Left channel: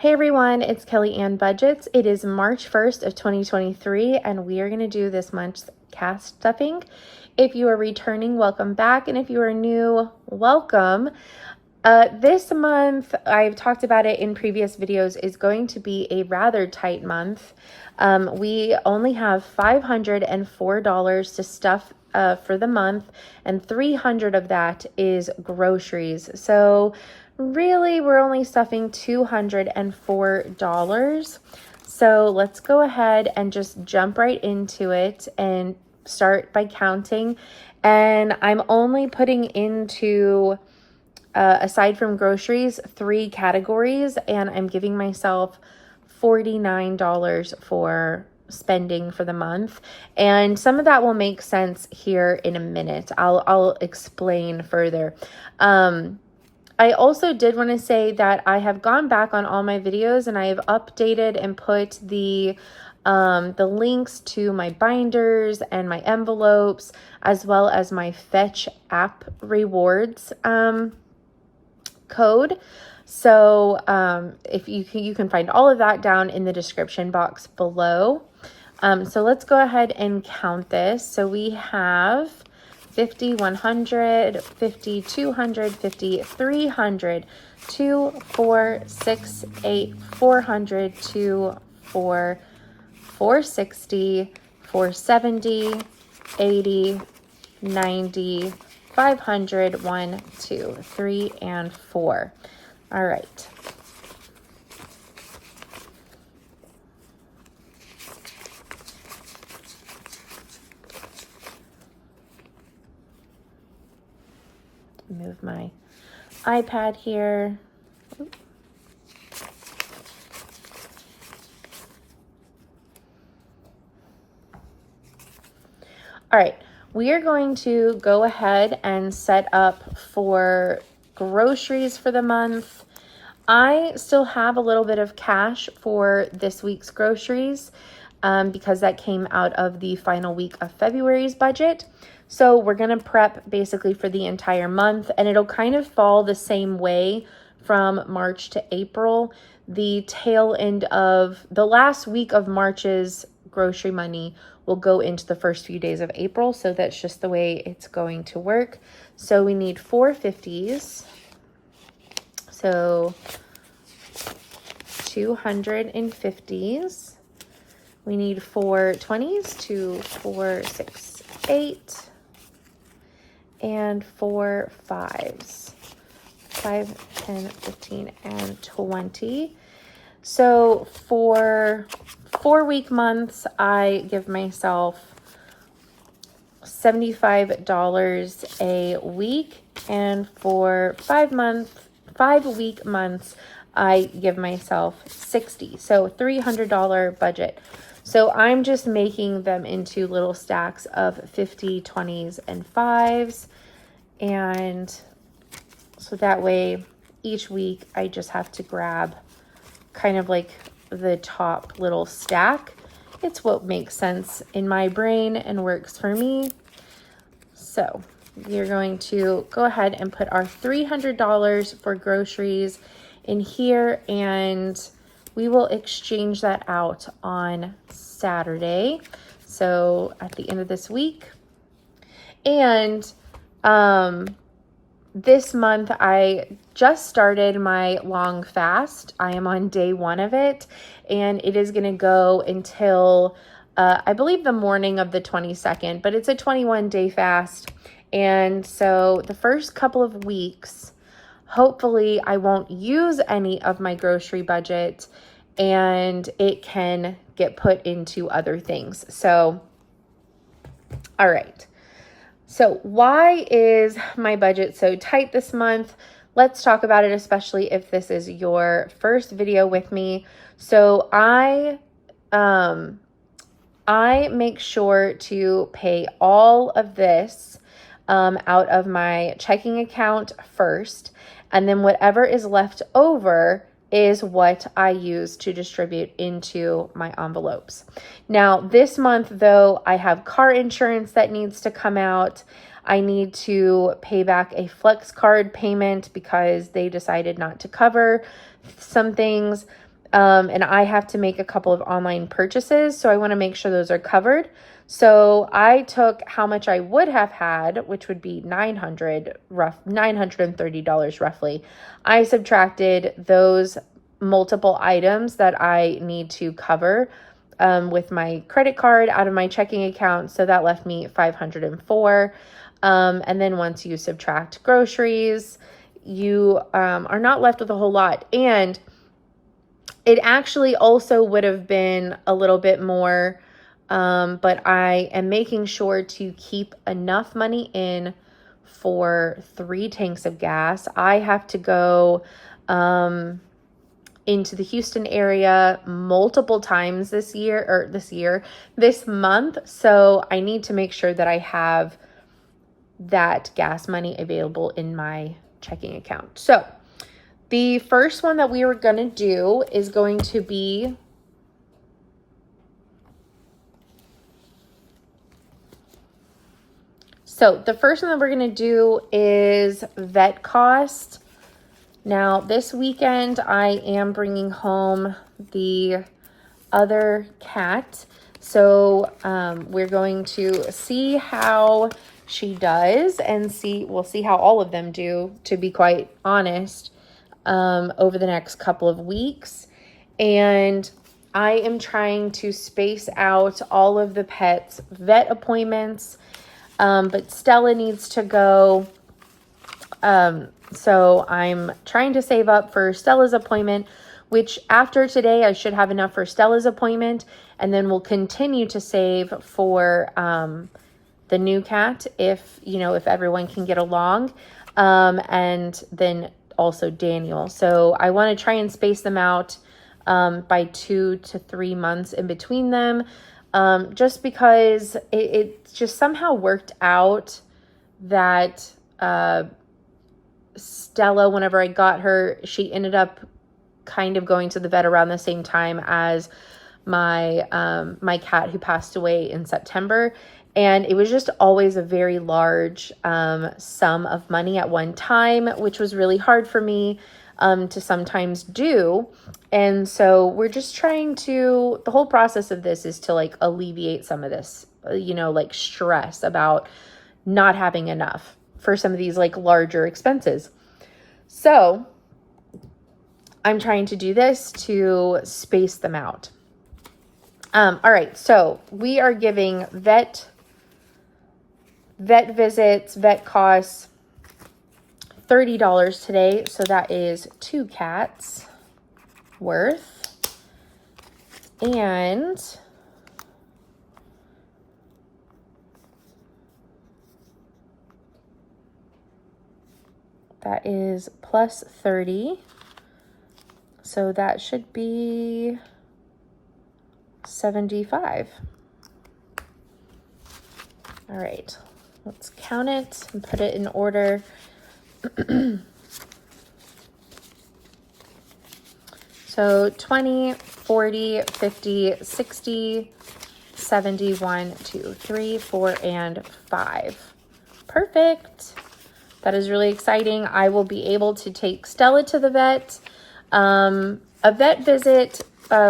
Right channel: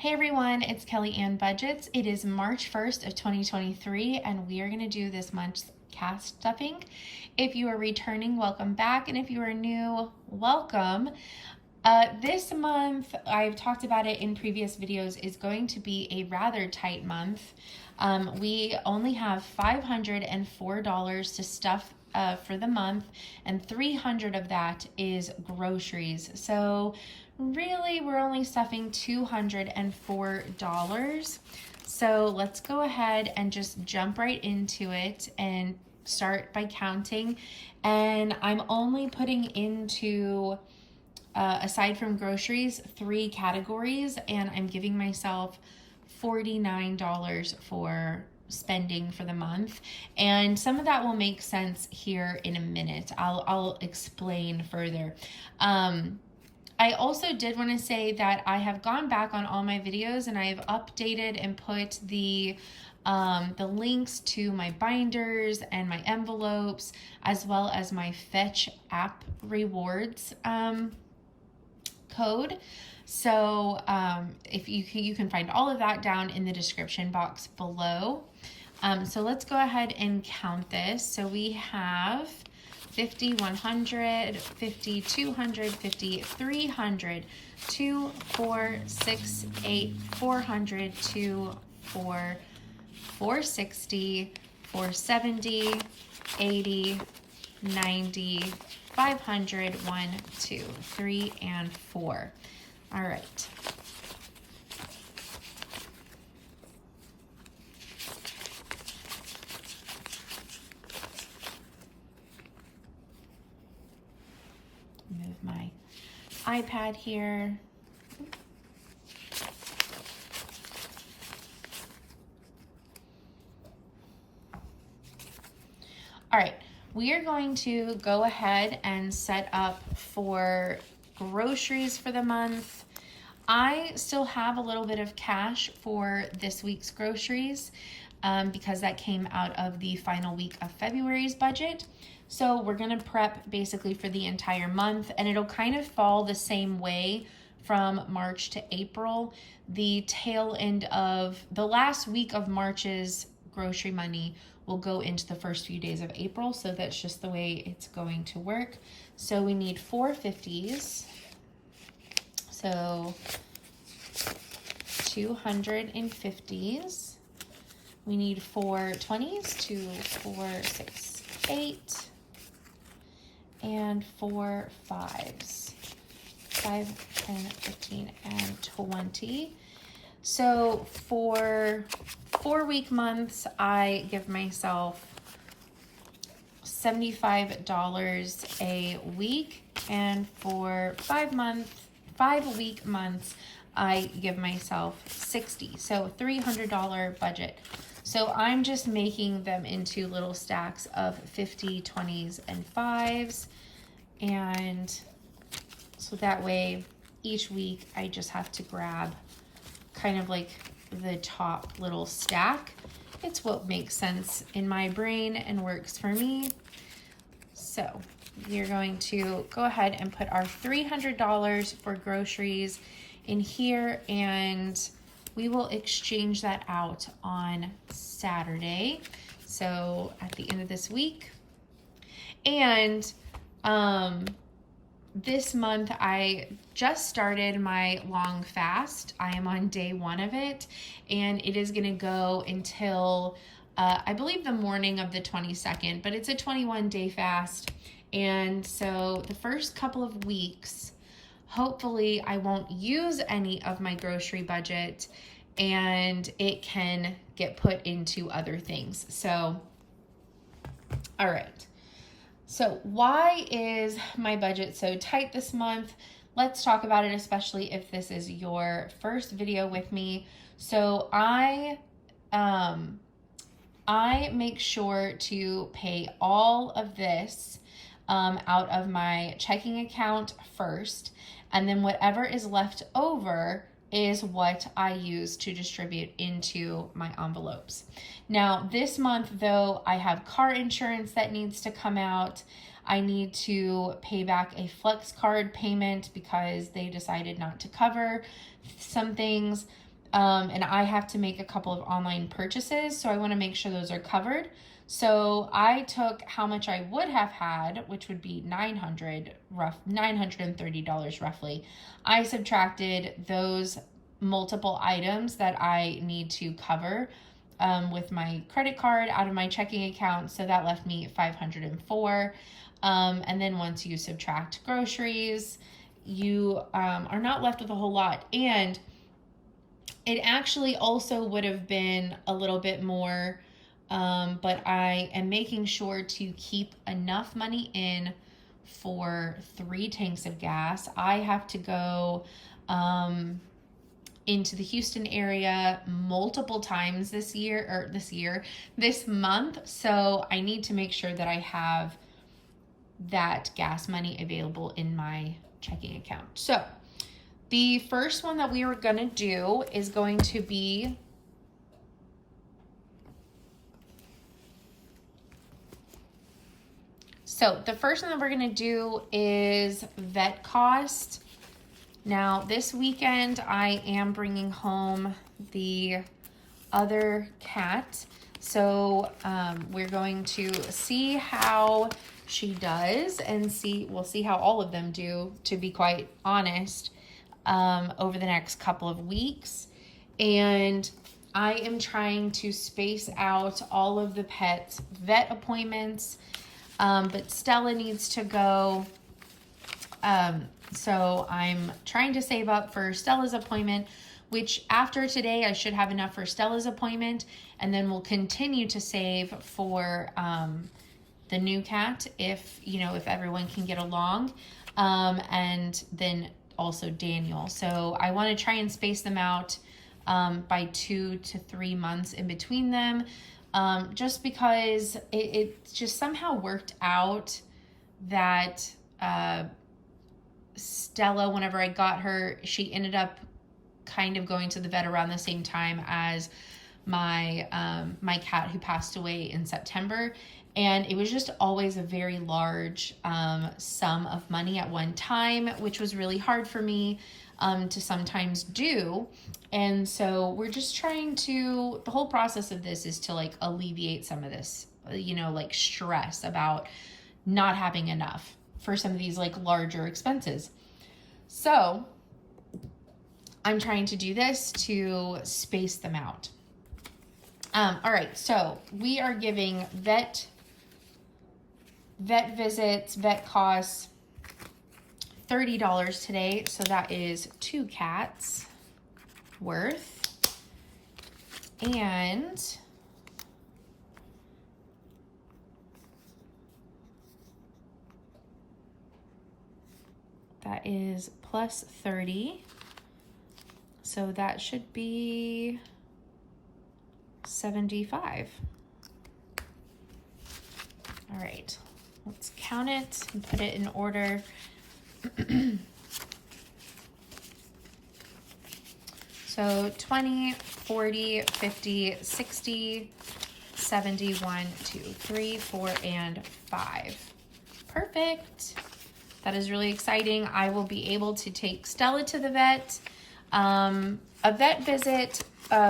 Hey everyone, it's Kelly and Budgets. It is March 1st of 2023 and we are going to do this month's cast stuffing. If you are returning, welcome back, and if you are new, welcome. This month, I've talked about it in previous videos, is going to be a rather tight month. We only have $504 to stuff for the month, and $300 of that is groceries. So really, we're only stuffing $204. So let's go ahead and just jump right into it and start by counting. And I'm only putting into, aside from groceries, 3 categories, and I'm giving myself $49 for spending for the month, and some of that will make sense here in a minute. I'll explain further. I also did want to say that I have gone back on all my videos and I have updated and put the links to my binders and my envelopes, as well as my Fetch app rewards code. So if you can find all of that down in the description box below. So let's go ahead and count this. So we have 50, 100, 50, 200, 50, 300, 2, 4, 6, 8, 400, 2, 4, 460, 470, 80, 90, 500, 1, 2, 3, and 4. All right. Move my iPad here. All right, we are going to go ahead and set up for groceries for the month. I still have a little bit of cash for this week's groceries because that came out of the final week of February's budget. So we're going to prep basically for the entire month, and it'll kind of fall the same way from March to April. The tail end of the last week of March's grocery money will go into the first few days of April. So that's just the way it's going to work. So we need 4 50s. So 250s. We need 4 20s, 2, 4, 6, 8. And 4 5s, 5, 10, 15, and 20. So for 4-week months, I give myself $75 a week. And for 5-week months, I give myself $60. So $300 budget. So I'm just making them into little stacks of 50, 20s, and 5s. And so that way each week I just have to grab kind of like the top little stack. It's what makes sense in my brain and works for me. So we're going to go ahead and put our $300 for groceries in here, and we will exchange that out on Saturday, so at the end of this week. And this month I just started my long fast. I am on day 1 of it, and it is going to go until I believe the morning of the 22nd, but it's a 21-day fast. And so the first couple of weeks, hopefully I won't use any of my grocery budget and it can get put into other things. So, all right. So why is my budget so tight this month? Let's talk about it, especially if this is your first video with me. So I make sure to pay all of this out of my checking account first, and then whatever is left over is what I use to distribute into my envelopes. Now, this month, though, I have car insurance that needs to come out. I need to pay back a flex card payment because they decided not to cover some things. And I have to make a couple of online purchases, so I want to make sure those are covered. So I took how much I would have had, which would be $930 roughly. I subtracted those multiple items that I need to cover with my credit card out of my checking account. So that left me $504. And then once you subtract groceries, you are not left with a whole lot. And it actually also would have been a little bit more, but I am making sure to keep enough money in for 3 tanks of gas. I have to go into the Houston area multiple times this month. So I need to make sure that I have that gas money available in my checking account. So the first one that we are going to do is going to be the first one that we're going to do is vet cost. Now, this weekend, I am bringing home the other cat. So we're going to see how she does and we'll see how all of them do, to be quite honest, over the next couple of weeks. And I am trying to space out all of the pets' vet appointments, but Stella needs to go. So I'm trying to save up for Stella's appointment, which after today, I should have enough for Stella's appointment. And then we'll continue to save for the new cat if everyone can get along. And then also Daniel. So I want to try and space them out by 2 to 3 months in between them. Just because it just somehow worked out that Stella, whenever I got her, she ended up kind of going to the vet around the same time as my my cat who passed away in September. And it was just always a very large sum of money at one time, which was really hard for me to sometimes do. And so we're just trying to, the whole process of this is to like alleviate some of this, like stress about not having enough for some of these like larger expenses. So I'm trying to do this to space them out. All right, so we are giving vet visits, vet costs, $30 today. So that is 2 cats worth. And that is plus 30. So that should be 75. All right, let's count it and put it in order. So 20, 40, 50, 60, 71, 2, 3, 4, and 5. Perfect. That is really exciting. I will be able to take Stella to the vet. A vet visit,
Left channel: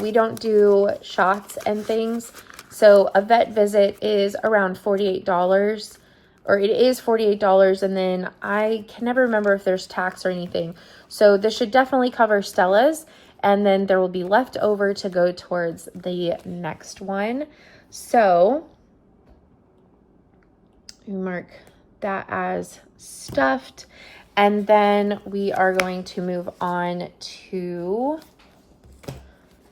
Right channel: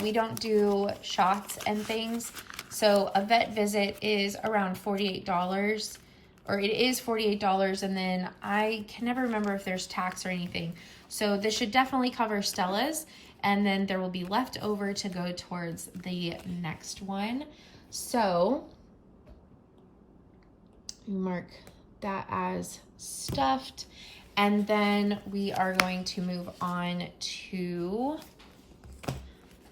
we don't do shots and things. So a vet visit is around $48, or it is $48. And then I can never remember if there's tax or anything. So this should definitely cover Stella's. And then there will be left over to go towards the next one. So mark that as stuffed. And then we are going to move on to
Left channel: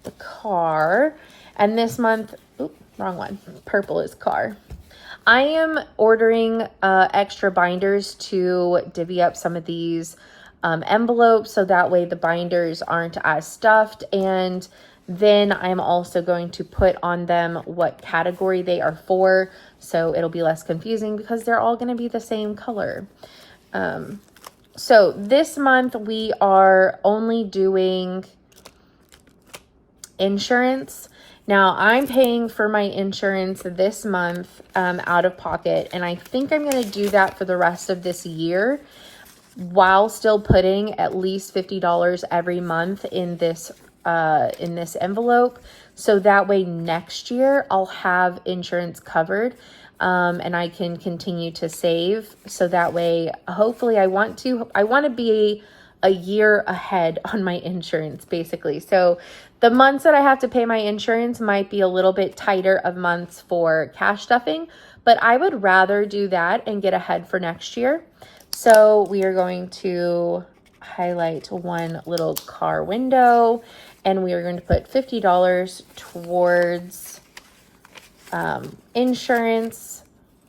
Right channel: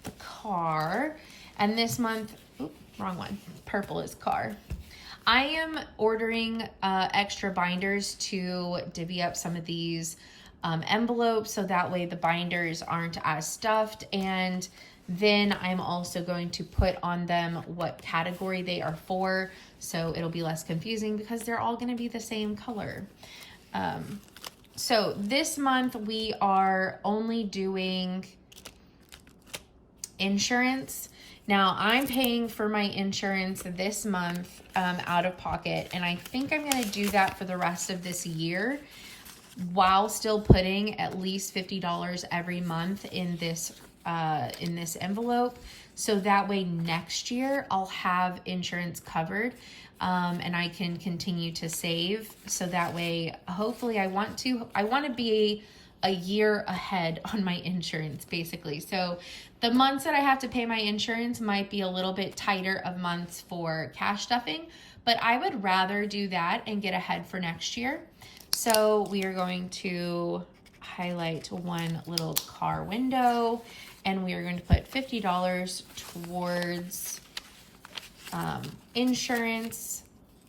the car. And this month, wrong one, purple is car. I am ordering extra binders to divvy up some of these envelopes, so that way the binders aren't as stuffed. And then I'm also going to put on them what category they are for, so it'll be less confusing because they're all going to be the same color. So this month we are only doing insurance. Now I'm paying for my insurance this month out of pocket, and I think I'm going to do that for the rest of this year, while still putting at least $50 every month in this in this envelope. So that way next year I'll have insurance covered, and I can continue to save. So that way, hopefully I want to be a year ahead on my insurance, basically. So the months that I have to pay my insurance might be a little bit tighter of months for cash stuffing, but I would rather do that and get ahead for next year. So we are going to highlight one little car window, and we are going to put $50 towards insurance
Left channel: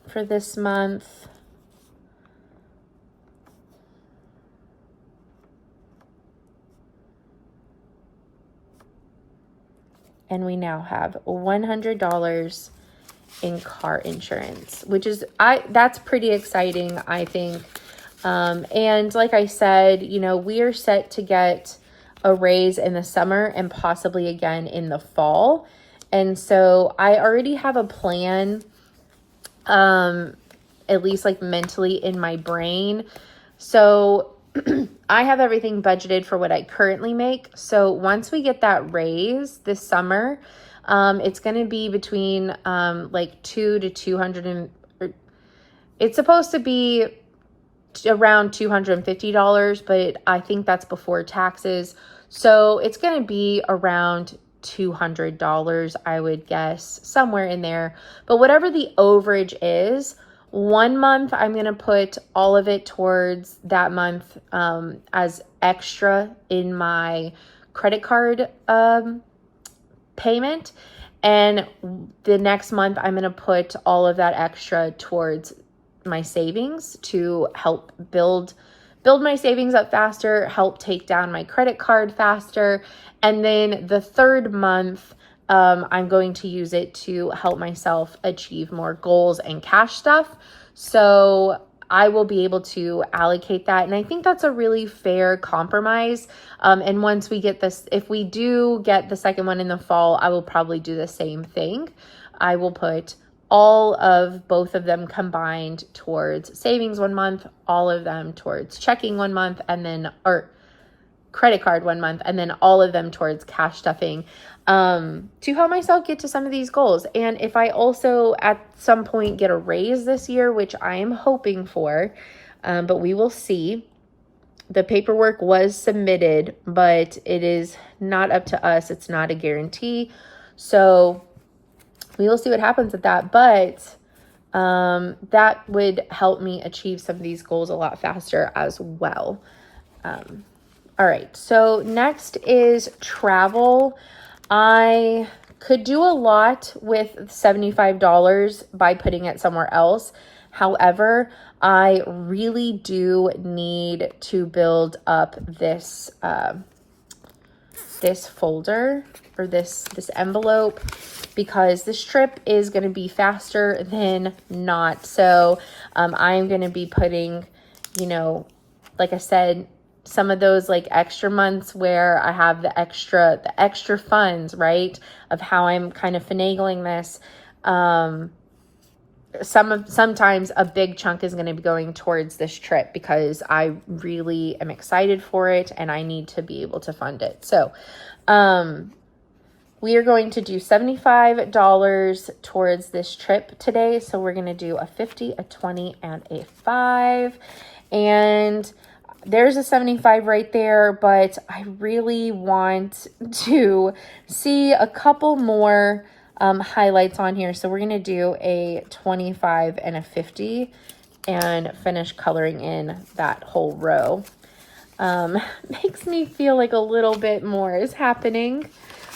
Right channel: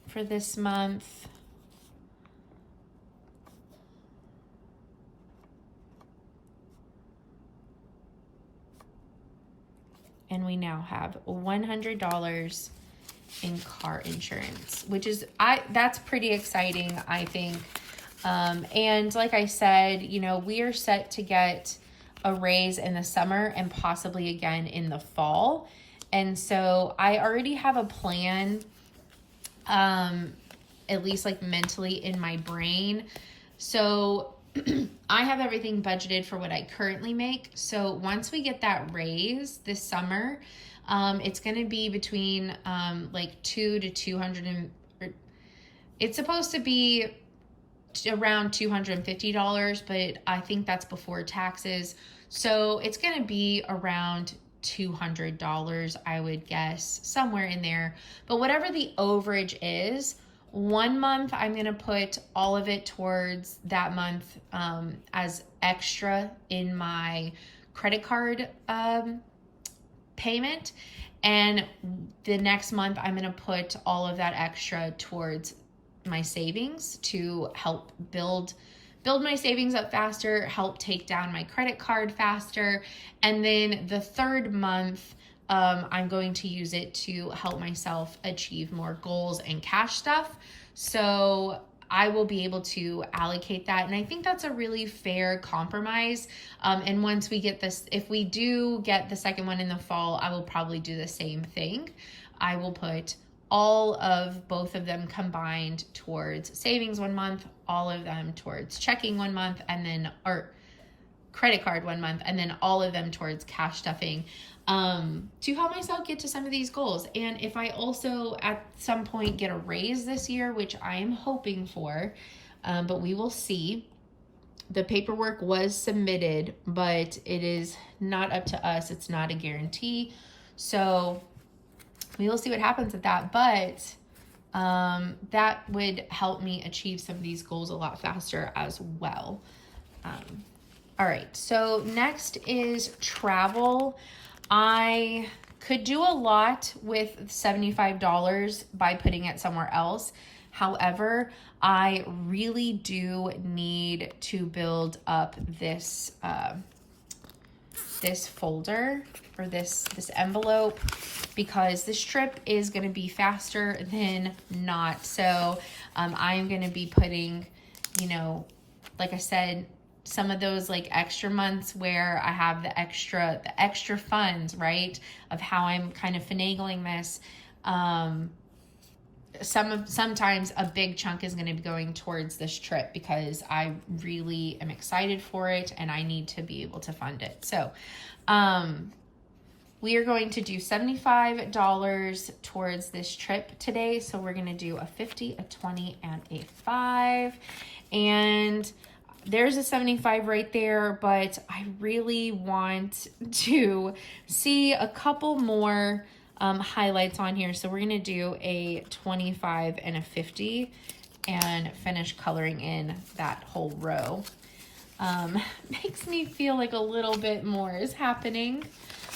for this month. And we now have $100 in car insurance, which is, that's pretty exciting, I think. And like I said, you know, we are set to get a raise in the summer and possibly again in the fall. And so I already have a plan, at least like mentally in my brain. So I have everything budgeted for what I currently make. So once we get that raise this summer, it's going to be between like it's supposed to be around $250, but I think that's before taxes. So it's going to be around $200, I would guess, somewhere in there. But whatever the overage is, 1 month I'm going to put all of it towards that month as extra in my credit card payment. And the next month I'm going to put all of that extra towards my savings to help build my savings up faster, help take down my credit card faster. And then the third month, I'm going to use it to help myself achieve more goals and cash stuff. So I will be able to allocate that. And I think that's a really fair compromise. And once we get this, if we do get the second one in the fall, I will probably do the same thing. I will put all of both of them combined towards savings 1 month, all of them towards checking 1 month, and then, or credit card 1 month, and then all of them towards cash stuffing, to help myself get to some of these goals. And if I also at some point get a raise this year, which I am hoping for, but we will see. The paperwork was submitted, but it is not up to us. It's not a guarantee. So we will see what happens with that. But that would help me achieve some of these goals a lot faster as well. All right, so next is travel. I could do a lot with $75 by putting it somewhere else. However, I really do need to build up this this folder or this envelope, because this trip is going to be faster than not. So I'm going to be putting, you know, like I said, some of those like extra months where I have the extra funds, right, of how I'm kind of finagling this. Sometimes a big chunk is going to be going towards this trip because I really am excited for it and I need to be able to fund it. So we are going to do $75 towards this trip today. So we're going to do a 50, a 20, and a 5. And there's a 75 right there, but I really want to see a couple more highlights on here. So we're going to do a 25 and a 50 and finish coloring in that whole row. Makes me feel like a little bit more is happening,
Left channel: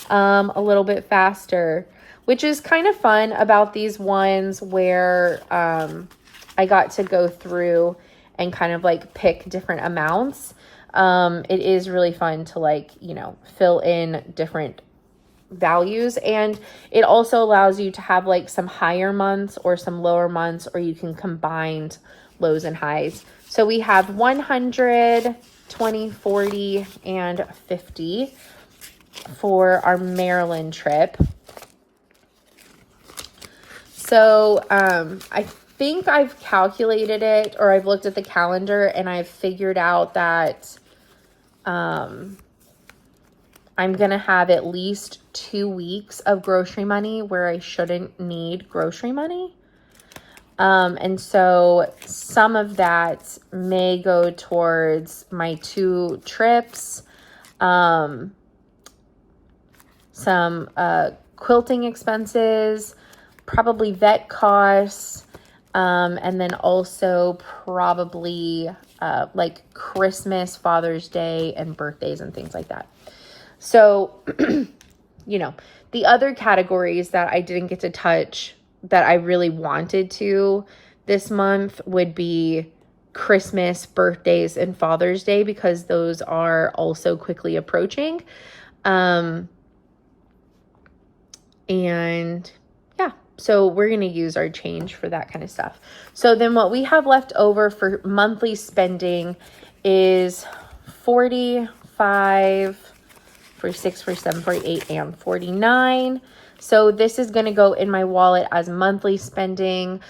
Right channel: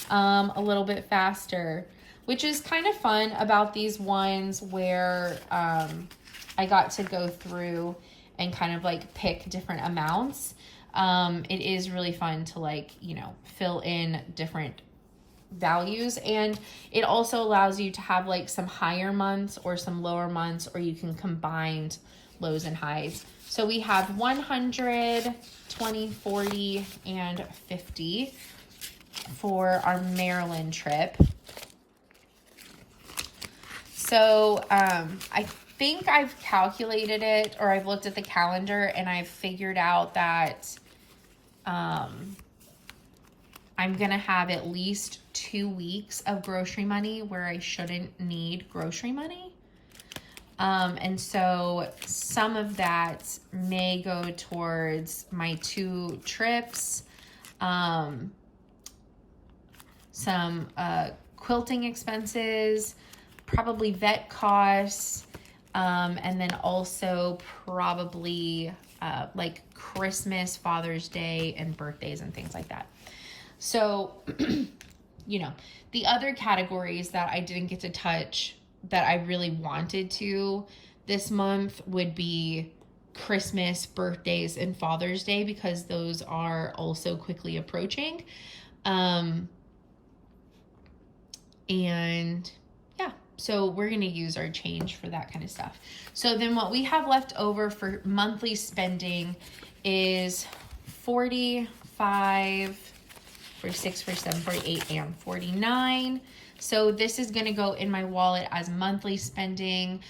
a little bit faster, which is kind of fun about these ones where I got to go through and kind of like pick different amounts. It is really fun to like, you know, fill in different values, and it also allows you to have like some higher months or some lower months, or you can combine lows and highs. So we have 100, 20, 40, and 50 for our Maryland trip. So I think I've calculated it, or I've looked at the calendar and I've figured out that I'm going to have at least 2 weeks of grocery money where I shouldn't need grocery money. And so some of that may go towards my 2 trips, some quilting expenses, probably vet costs, and then also probably like Christmas, Father's Day, and birthdays and things like that. So, the other categories that I didn't get to touch that I really wanted to this month would be Christmas, birthdays, and Father's Day, because those are also quickly approaching. And yeah, so we're going to use our change for that kind of stuff. So then what we have left over for monthly spending is 45, 46, 47, 48, and 49. So this is going to go in my wallet as monthly spending,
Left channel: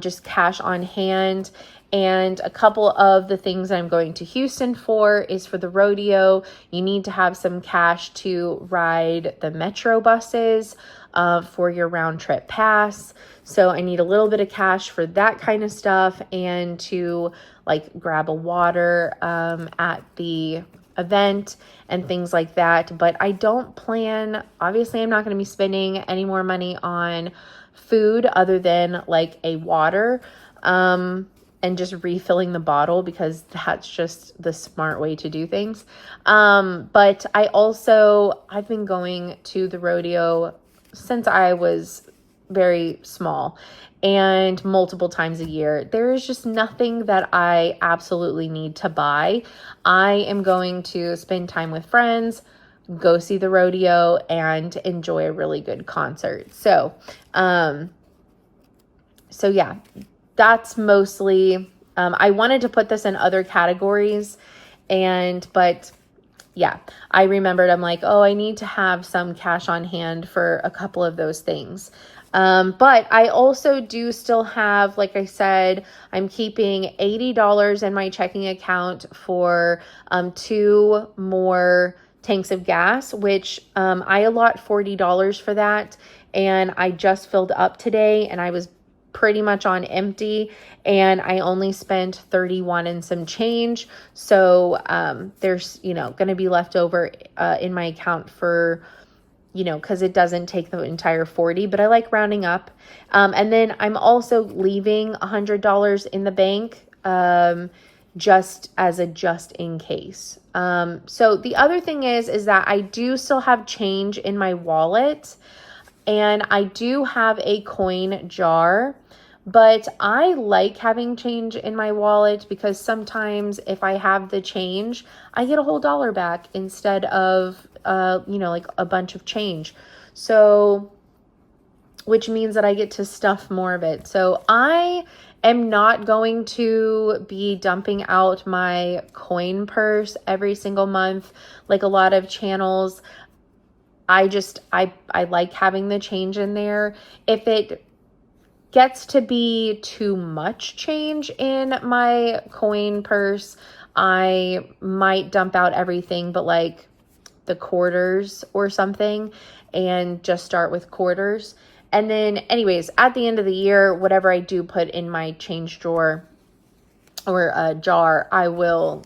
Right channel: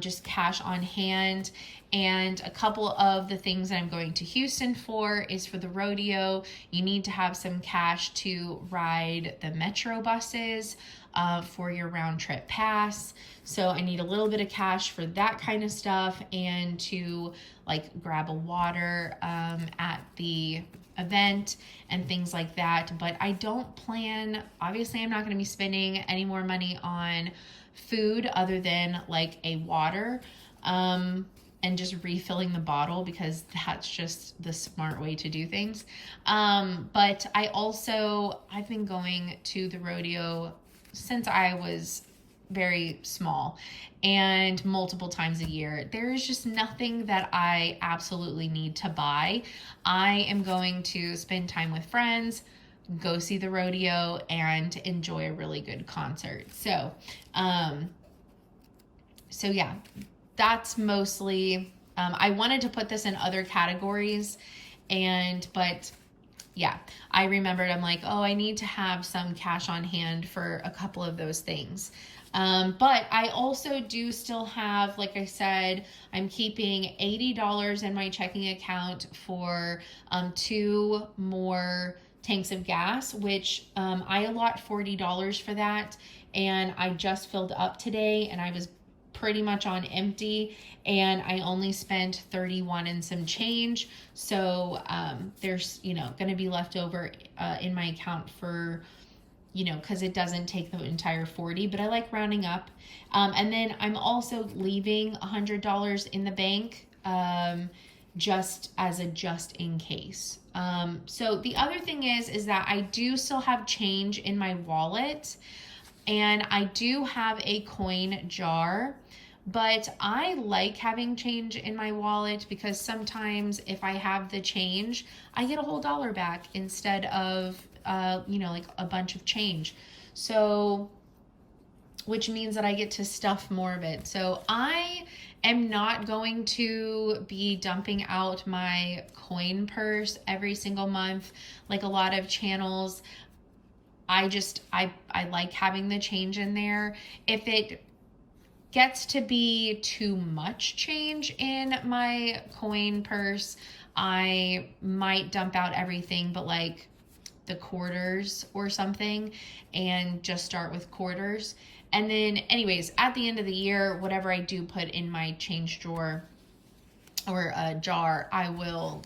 just cash on hand. And a couple of the things I'm going to Houston for is for the rodeo. You need to have some cash to ride the metro buses for your round trip pass. So I need a little bit of cash for that kind of stuff, and to like grab a water at the event and things like that. But I don't plan, obviously I'm not going to be spending any more money on food other than like a water, and just refilling the bottle, because that's just the smart way to do things. But I've been going to the rodeo since I was very small, and multiple times a year. There is just nothing that I absolutely need to buy. I am going to spend time with friends, go see the rodeo, and enjoy a really good concert. So yeah, that's mostly, I wanted to put this in other categories, but yeah, I remembered, I'm like, oh, I need to have some cash on hand for a couple of those things. But I also do still have, like I said, I'm keeping $80 in my checking account for 2 more tanks of gas, which I allot $40 for that. And I just filled up today, and I was pretty much on empty, and I only spent 31 and some change. So there's, going to be left over in my account for, because it doesn't take the entire 40, but I like rounding up. And then I'm also leaving $100 in the bank, just in case. So the other thing is that I do still have change in my wallet, and I do have a coin jar, but I like having change in my wallet, because sometimes if I have the change, I get a whole dollar back instead of like a bunch of change. So, which means that I get to stuff more of it. So I am not going to be dumping out my coin purse every single month like a lot of channels. I like having the change in there. If it gets to be too much change in my coin purse, I might dump out everything but like the quarters or something, and just start with quarters. And then anyways, at the end of the year, whatever I do put in my change drawer or a jar, I will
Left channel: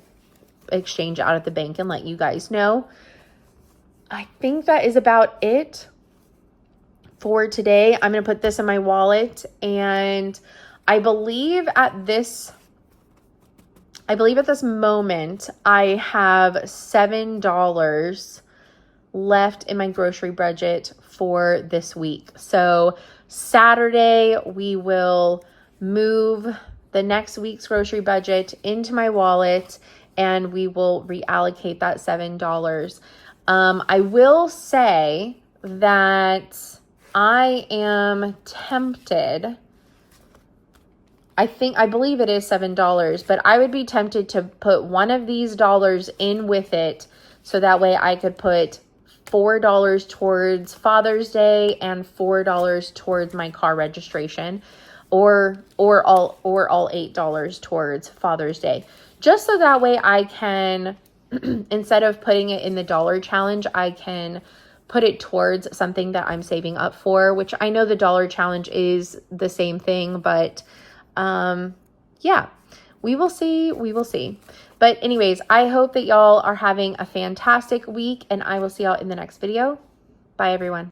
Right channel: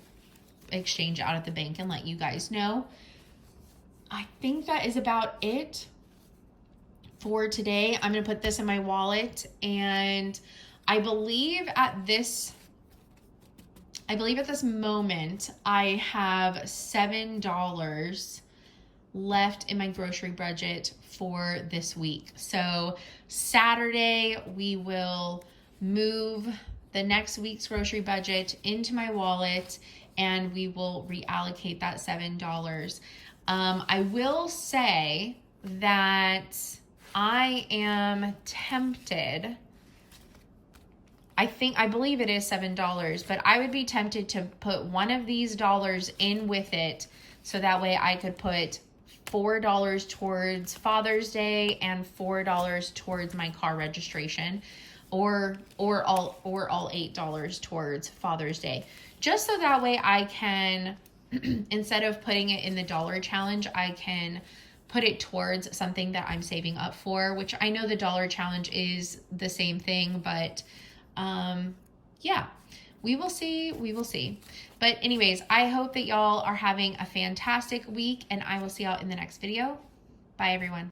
exchange out at the bank and let you guys know. I think that is about it for today. I'm going to put this in my wallet, and I believe at this moment, I have $7 left in my grocery budget for this week. So Saturday, we will move the next week's grocery budget into my wallet, and we will reallocate that $7. I will say that I am tempted, I believe it is $7, but I would be tempted to put one of these dollars in with it, so that way I could put $4 towards Father's Day and $4 towards my car registration, or all $8 towards Father's Day, just so that way I can instead of putting it in the dollar challenge, I can put it towards something that I'm saving up for, which I know the dollar challenge is the same thing, but yeah, we will see. We will see. But anyways, I hope that y'all are having a fantastic week, and I will see y'all in the next video. Bye, everyone.